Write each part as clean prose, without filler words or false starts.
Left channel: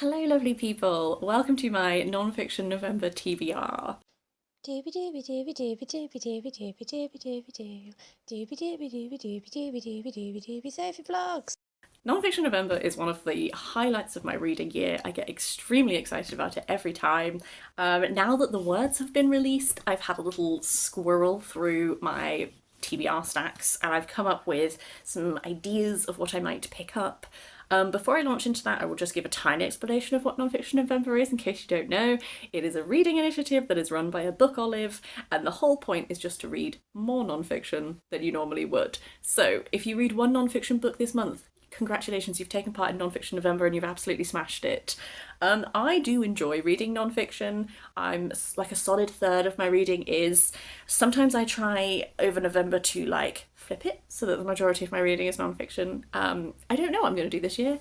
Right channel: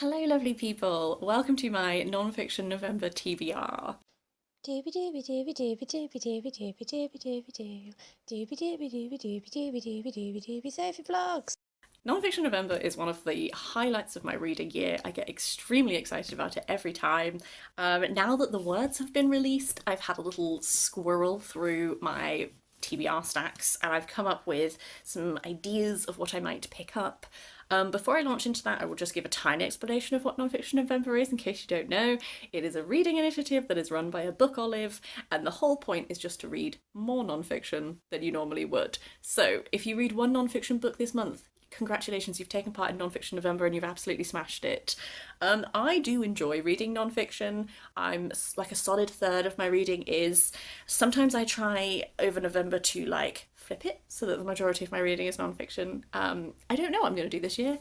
Hello, lovely people. Welcome to my non-fiction November TBR. Dooby dooby dooby dooby dooby dooby dooby dooby dooby doo. Dooby dooby dooby dooby dooby dooby dooby dooby Sophie Vlogs. Non-fiction November is one of the highlights of my reading year. I get extremely excited about it every time. Now that the words have been released, I've had a little squirrel through my TBR stacks and I've come up with some ideas of what I might pick up. Before I launch into that, I will just give a tiny explanation of what Nonfiction November is in case you don't know. It is a reading initiative that is run by a book olive, and the whole point is just to read more nonfiction than you normally would. So, if you read one nonfiction book this month, congratulations, you've taken part in Nonfiction November and you've absolutely smashed it. I do enjoy reading nonfiction. I'm like a solid third of my reading is. Sometimes I try over November to flip it so that the majority of my reading is nonfiction. I don't know what I'm going to do this year,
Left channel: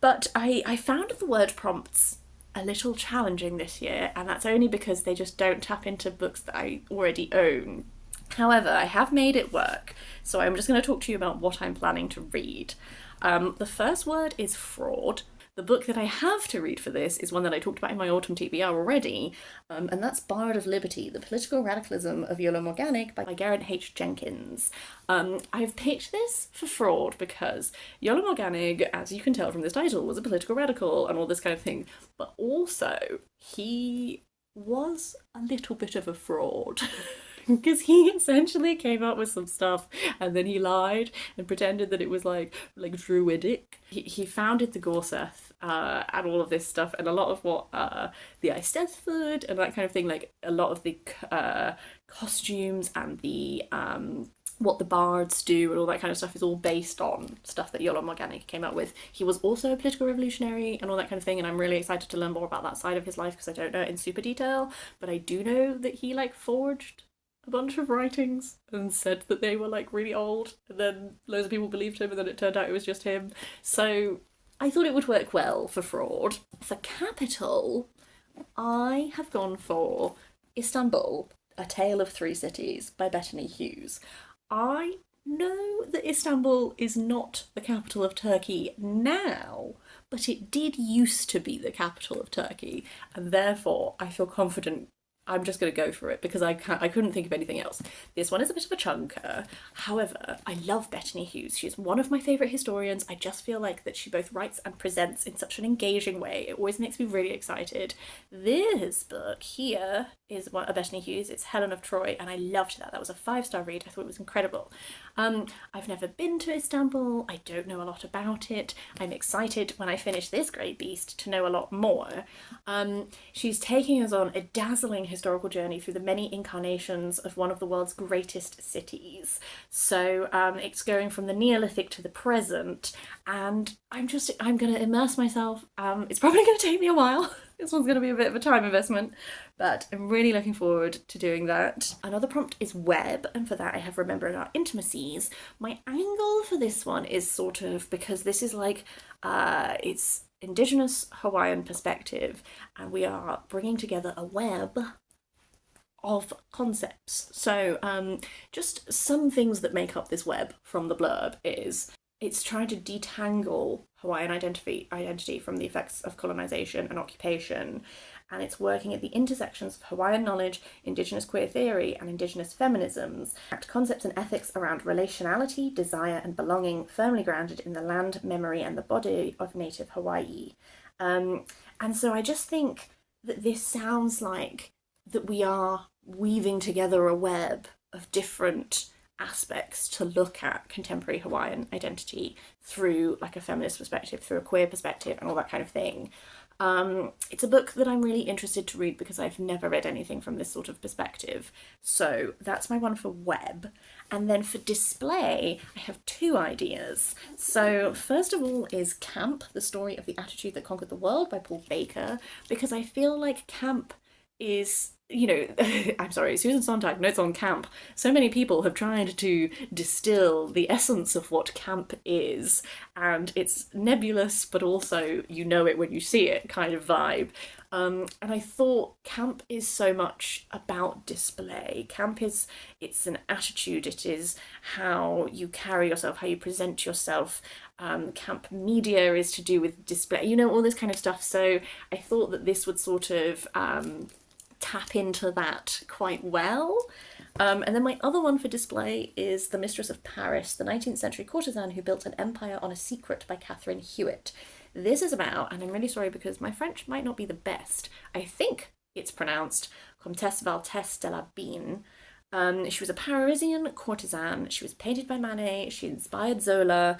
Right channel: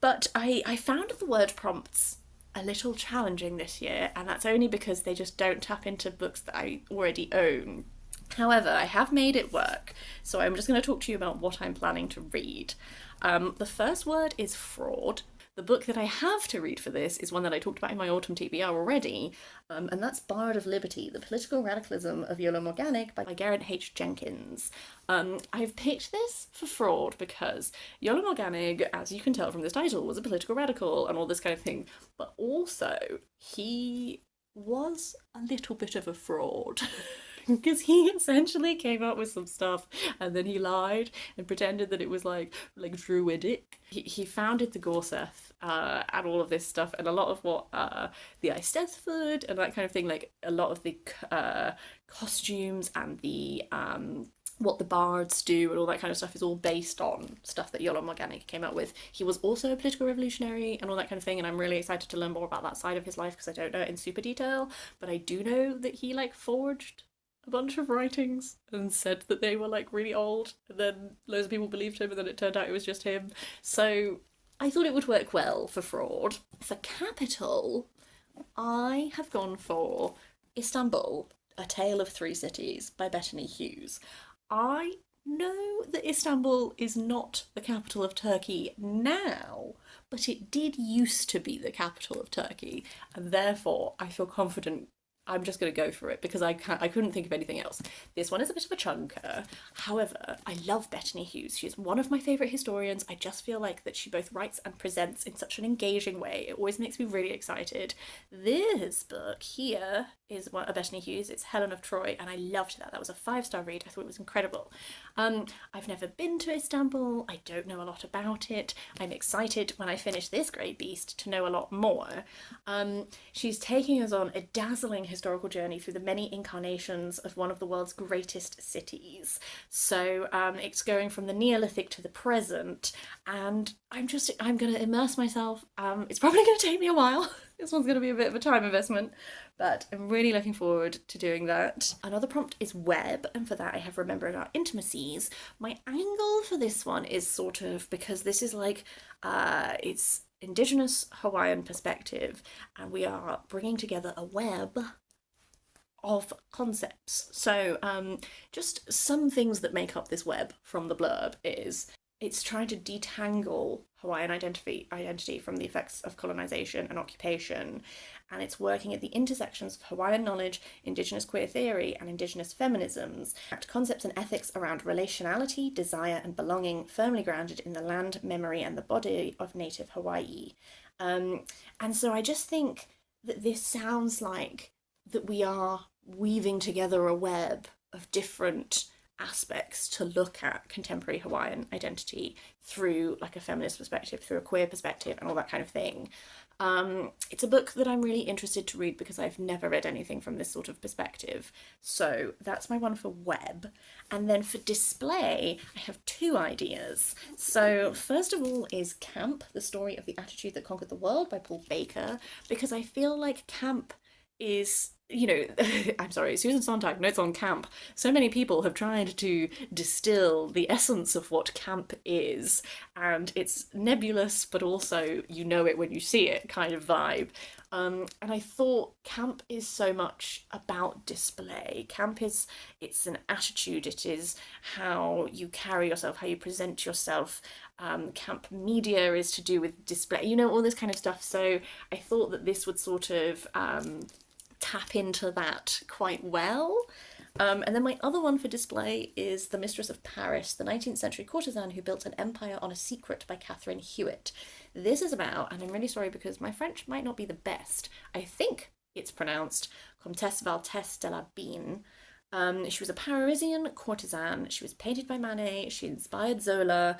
but I found the word prompts a little challenging this year, and that's only because they just don't tap into books that I already own. However, I have made it work, so I'm just going to talk to you about what I'm planning to read. The first word is fraud. The book that I have to read for this is one that I talked about in my autumn TBR already, and that's Bard of Liberty, The Political Radicalism of Iolo Morganwg by Geraint H. Jenkins. I've picked this for fraud because Iolo Morganwg, as you can tell from this title, was a political radical and all this kind of thing, but also he was a little bit of a fraud. Because he essentially came up with some stuff and then he lied and pretended that it was like druidic. He founded the Gorseth and all of this stuff, and a lot of what the Eisteddfod and that kind of thing, like a lot of the costumes and the what the bards do and all that kind of stuff is all based on stuff that Iolo Morganwg came up with. He was also a political revolutionary and all that kind of thing, and I'm really excited to learn more about that side of his life because I don't know it in super detail, but I do know that he forged a bunch of writings and said that they were really old, and then loads of people believed him, and then it turned out it was just him. So I thought it would work well for fraud. For capital, I have gone for Istanbul, A Tale of Three Cities by Bettany Hughes. I know that Istanbul is not the capital of Turkey now, but it did used to be the capital of Turkey, and therefore I feel confident I'm just going to go for it because I couldn't think of anything else. This one is a bit of a chunker. However, I love Bettany Hughes. She's one of my favourite historians. I just feel like that she both writes and presents in such an engaging way. It always makes me really excited. This book here is one of Bettany Hughes. It's Helen of Troy, and I loved that. That was a 5-star read. I thought it was incredible. I've never been to Istanbul. I don't know a lot about it. I'm excited when I finish this great beast to know a lot more. She's taking us on a dazzling historical journey through the many incarnations of one of the world's greatest cities. So it's going from the Neolithic to the present, and I'm going to immerse myself. It's probably going to take me a while. This one's going to be a bit of a time investment, but I'm really looking forward to doing that. Another prompt is web, and for that I have remembered our intimacies. My angle for this one is sort of because this is it's Indigenous Hawaiian perspective, and we are bringing together a web of concepts. So, just some things that make up this web from the blurb is it's trying to detangle Hawaiian identity from the effects of colonization and occupation, and it's working at the intersections of Hawaiian knowledge, Indigenous queer theory, and Indigenous feminisms, concepts and ethics around relationality, desire, and belonging firmly grounded in the land, memory, and the body of native Hawaii. And so I just think that this sounds like that we are weaving together a web of different aspects to look at contemporary Hawaiian identity through a feminist perspective, through a queer perspective, and all that kind of thing. It's a book that I'm really interested to read because I've never read anything from this sort of perspective. So that's my one for web. And then for display, I have two ideas. So first of all is Camp, the story of the attitude that conquered the world by Paul Baker, because I feel like camp is, I'm sorry, Susan Sontag notes on camp. So many people have tried to distill the essence of what camp is, and it's nebulous, but also you know it when you see it kind of vibe. And I thought camp is so much about display. It's an attitude, it is how you carry yourself, how you present yourself. camp media is to do with display, you know, all this kind of stuff. So I thought that this would sort of tap into that quite well. And then my other one for display is The Mistress of Paris, the 19th century courtesan who built an empire on a secret by Catherine Hewitt. This is about, and I'm really sorry because my French might not be the best, I think it's pronounced Comtesse Valtesse de la Bine. She was a Parisian courtesan. She was painted by Manet. She inspired Zola.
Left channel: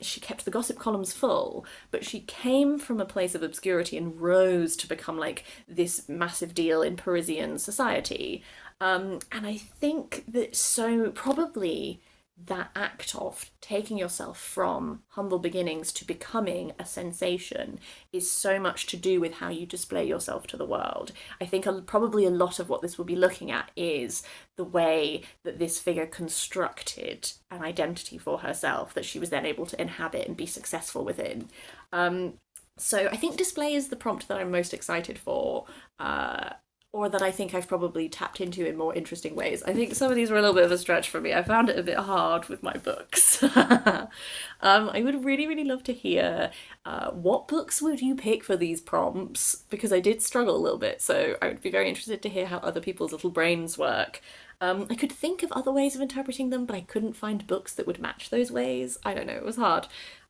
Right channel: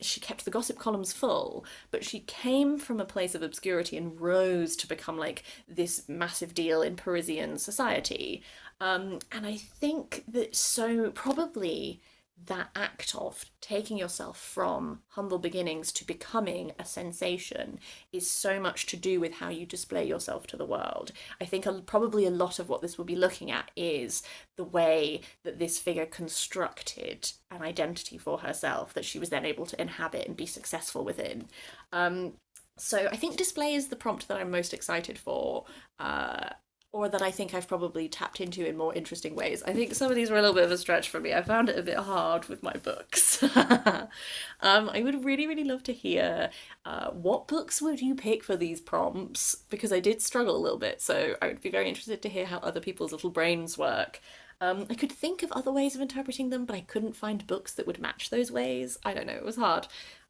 She kept the gossip columns full, but she came from a place of obscurity and rose to become like this massive deal in Parisian society. And I think that so probably that act of taking yourself from humble beginnings to becoming a sensation is so much to do with how you display yourself to the world. I think probably a lot of what this will be looking at is the way that this figure constructed an identity for herself that she was then able to inhabit and be successful within. So I think display is the prompt that I'm most excited for. Or that I think I've probably tapped into in more interesting ways. I think some of these were a little bit of a stretch for me. I found it a bit hard with my books. I would really, really love to hear what books would you pick for these prompts, because I did struggle a little bit, so I would be very interested to hear how other people's little brains work. I could think of other ways of interpreting them, but I couldn't find books that would match those ways. I don't know, it was hard.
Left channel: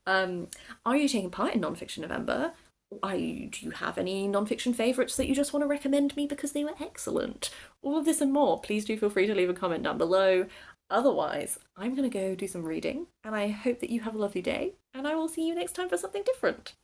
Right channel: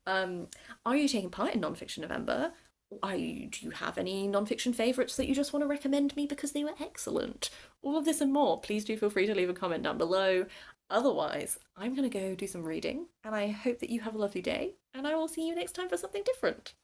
Are you taking part in Nonfiction November? Do you have any non-fiction favourites that you just want to recommend me because they were excellent? All of this and more, please do feel free to leave a comment down below. Otherwise, I'm going to go do some reading, and I hope that you have a lovely day, and I will see you next time for something different.